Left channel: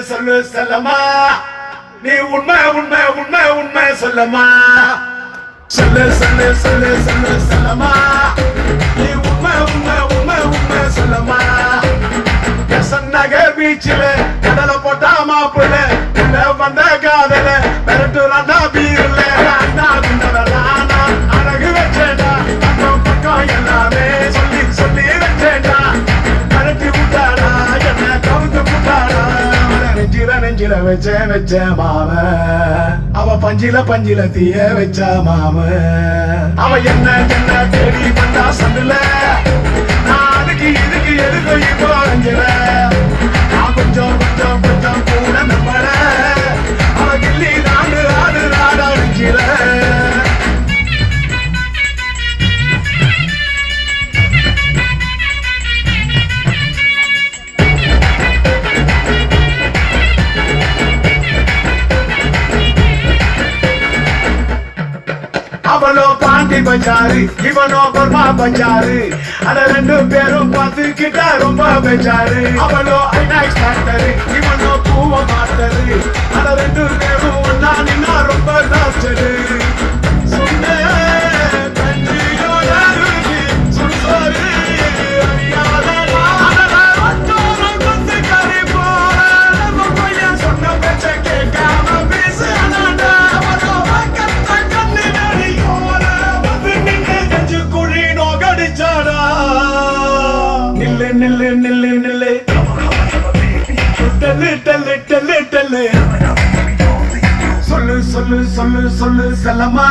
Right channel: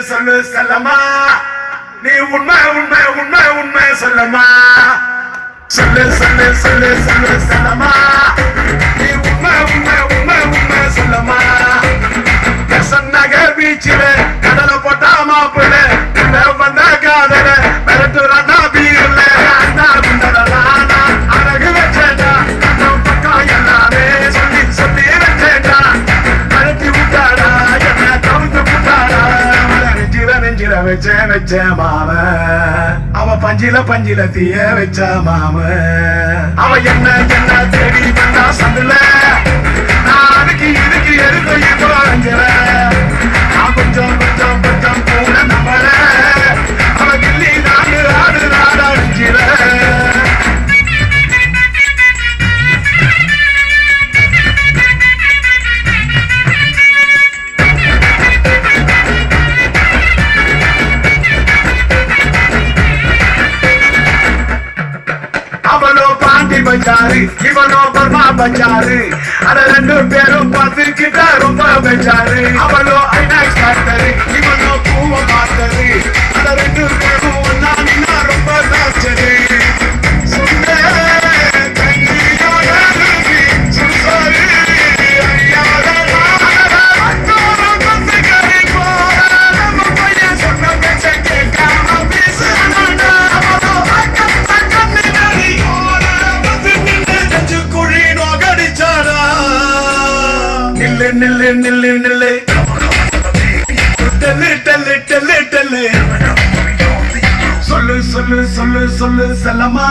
சொல்லு செல்லம்மா நீ உண்மை சொல்லம்மா சொல்லு செல்லம்மா நீ உண்மை சொல்லம்மா நகர் பீச்சில கடலை போட்டா மாப்பிள்ள வந்த காதல மிரட்டுறானா பீரல்ல அழகு வச்சேடா பக்கம் எல்லாமே சொல்லி வச்சேடா அழகி விட்டாடா என்ன கவுந்து விட்டாடா நெஞ்சில வச்ச மாம அவ பஞ்சில தீய வச்ச மாம அவ என்ன தேடி வந்தா சந்துல நாளைக்கு இதுக்கு எதுக்கும் இப்போ நான் கொஞ்சம் கூட நம்பல அவ கிள்ளி நாடு அடிக்கிற அவனோ பாண்டி பஞ்சாரு இவனோ பர்மா பஞ்சாரு அட ரெண்டு பேரும் பார்த்துக்கிட்டா ரொம்ப பஞ்சாரு அவனோ ஐநாக்ஸ் மாஸ்டரு இவனோ பூவ மாஸ்டரு அட ரெண்டு பேரும் நானினா ரொம்ப நாச்சரு நில்லு சொல்லு செல்லம்மா